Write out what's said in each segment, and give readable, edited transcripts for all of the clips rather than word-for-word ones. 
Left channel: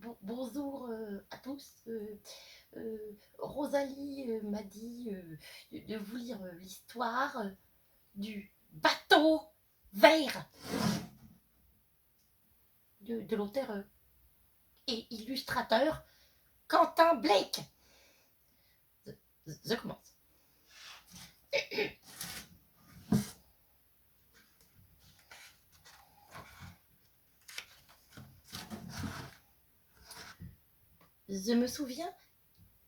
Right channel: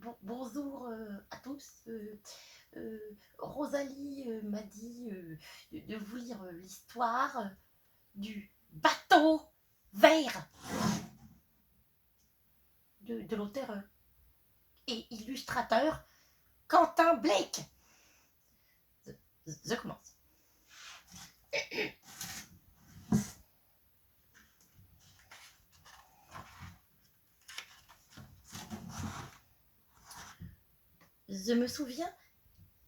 Bonjour à tous. Rosalie m'a dit de vous lire l'histoire du bateau vert de l'auteur et illustrateur Quentin Blake. Je commence. Je me souviens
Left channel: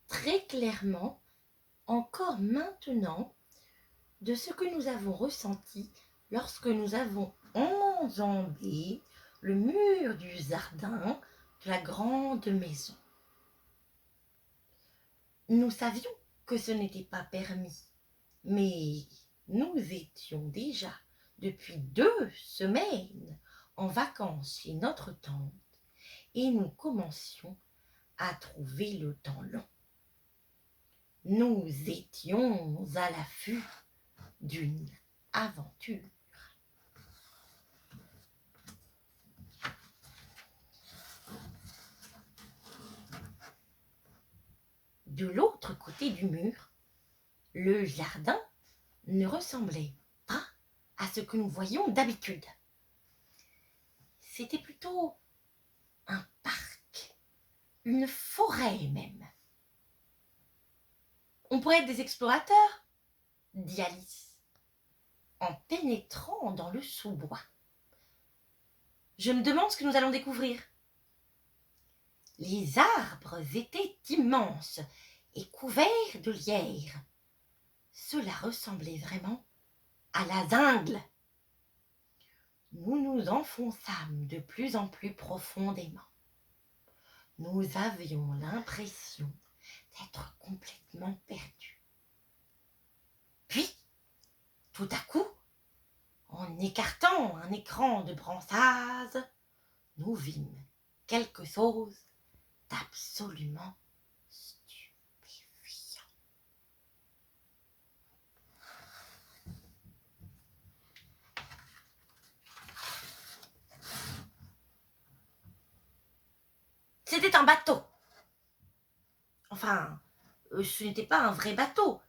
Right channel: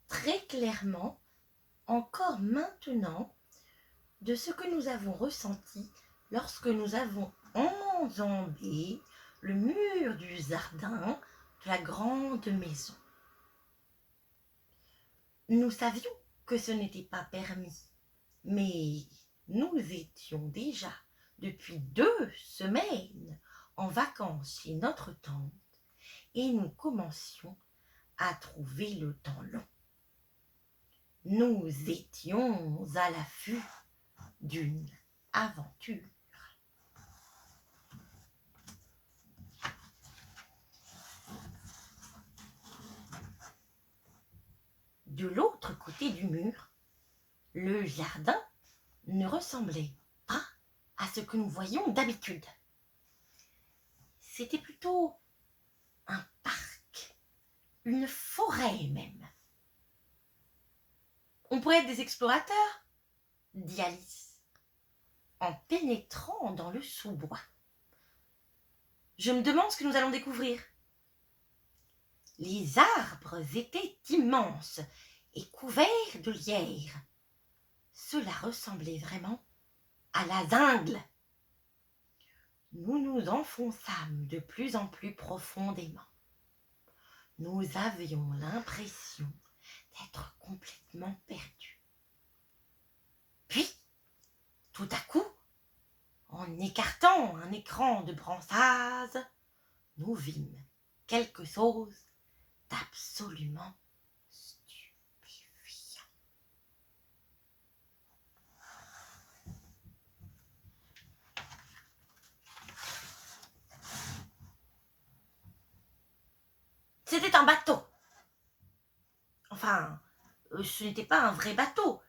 très clairement, encore maintenant, de ce que nous avons ressenti lorsque nous avons enjambé le mur du jardin de la grande maison. Nous savions que ce n'était pas permis, mais nous étions déjà depuis 2 semaines en vacances chez notre tante et nous commencions à trouver le temps long. Nous étions à l'affût d'une aventure. De l'autre côté du mur, le jardin ne ressemblait pas à ce que nous voyions d'habitude. C'était plutôt un parc, une forêt même. On pourrait être des explorateurs, dit Alice, en pénétrant dans le sous-bois. Je me demande ce que nous allons découvrir. Les arbres étaient immenses et couverts de lierre. Cela ressemblait vraiment à la jungle. Nous nous enfonçâmes de plus en plus profondément. Nous avions l'impression d'être complètement perdus. Puis, tout à coup, en écartant un écran de bronzage, nous vîmes quelque chose d'absolument stupéfiant. C'était un bateau. Enfin, ce n'était pas un vrai bateau,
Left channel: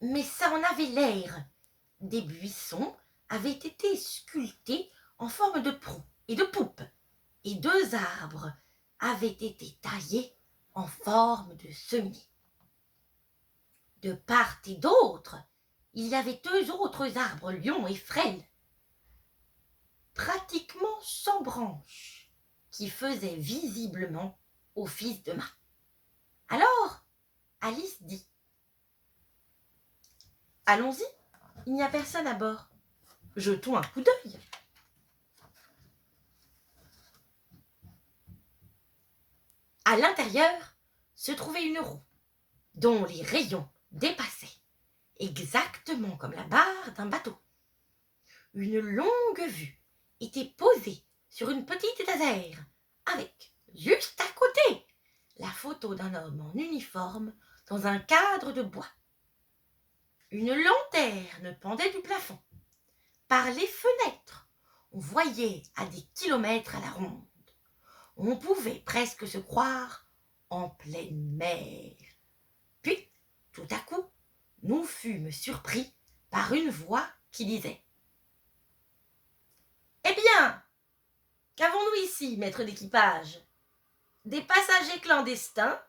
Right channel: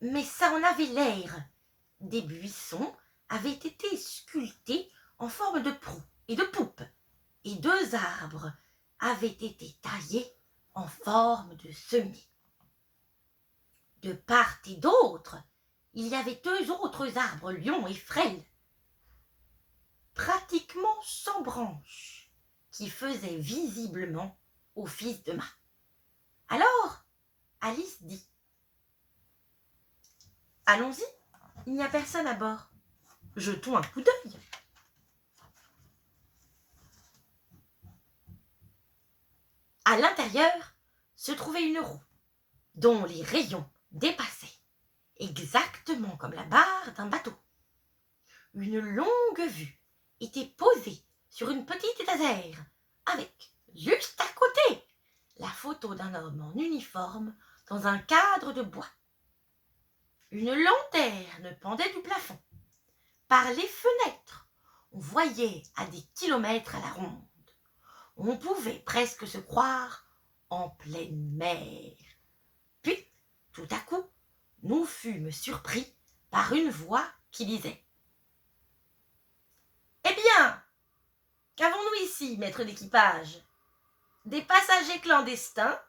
mais ça en avait l'air. Des buissons avaient été sculptés en forme de proue et de poupe, et 2 arbres avaient été taillés en forme de semis. De part et d'autre, il y avait 2 autres arbres lions et frêles, pratiquement sans branches, qui faisaient visiblement office de mât. Alors, Alice dit : « Allons-y, il n'y a personne à bord. Jetons un coup d'œil. » À l'intérieur se trouvait une roue, dont les rayons dépassaient, exactement comme la barre d'un bateau. Une longue vue était posée sur une petite étagère, avec, juste à côté, la photo d'un homme en uniforme dans un cadre de bois. Une lanterne pendait du plafond. Par les fenêtres, on voyait à des kilomètres à la ronde. On pouvait presque se croire en pleine mer. Puis, tout à coup, nous fûmes surpris par une voix qui disait : « Eh bien, qu'avons-nous ici, maître d'équipage ? Des passagers clandestins ? »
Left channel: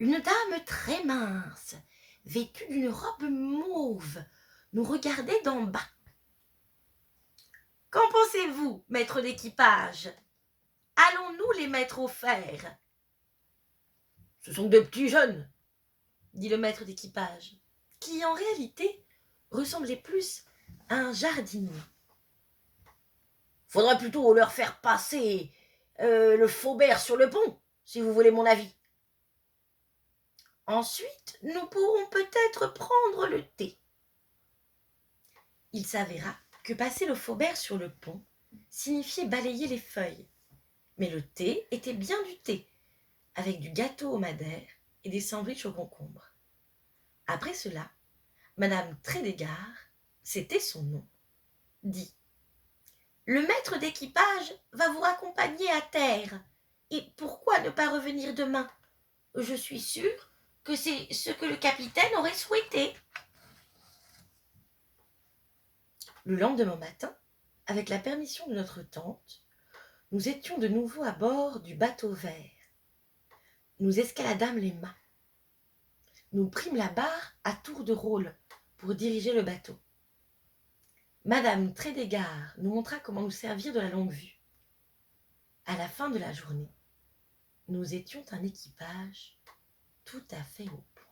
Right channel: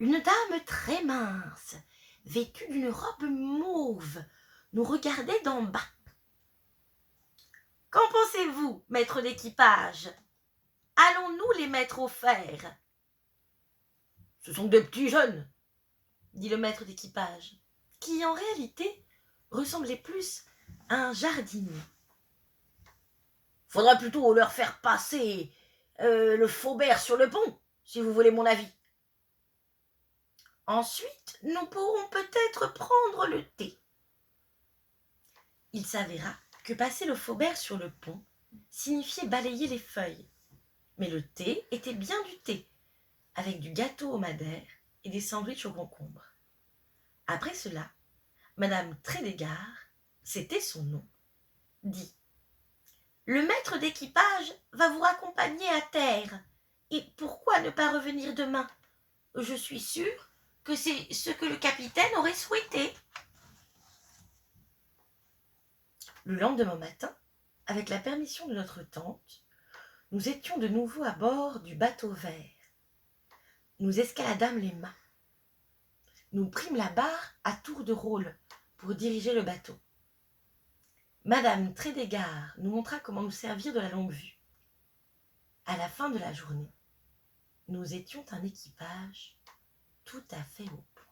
Une dame très mince, vêtue d'une robe mauve, nous regardait d'en bas. « Qu'en pensez-vous, maître d'équipage ? Allons-nous les mettre au fer ? » « Ce sont des petits jeunes, » dit le maître d'équipage, qui en réalité ressemblait plus à un jardinier. « Faudra plutôt leur faire passer le faubert sur le pont, si vous voulez mon avis. Ensuite, nous pourrons peut-être prendre le thé. » Il s'avéra que passer le faubert sur le pont signifiait balayer les feuilles. Mais le thé était bien du thé, avec du gâteau au madère et des sandwichs au concombre. Après cela, Madame Trédégard, c'était son nom, dit Le maître d'équipage va vous raccompagner à terre. Et pourquoi ne pas revenir demain? Je suis sûre que c'est ce que le capitaine aurait souhaité. Le lendemain matin, avec la permission de notre tante, nous étions de nouveau à bord du bateau vert. Nous escaladâmes les mâts. Nous prîmes la barre à tour de rôle pour diriger le bateau. Madame Trédégard nous montra comment nous servir de la longue-vue. À la fin de la journée, nous étions un équipage tout à fait au point.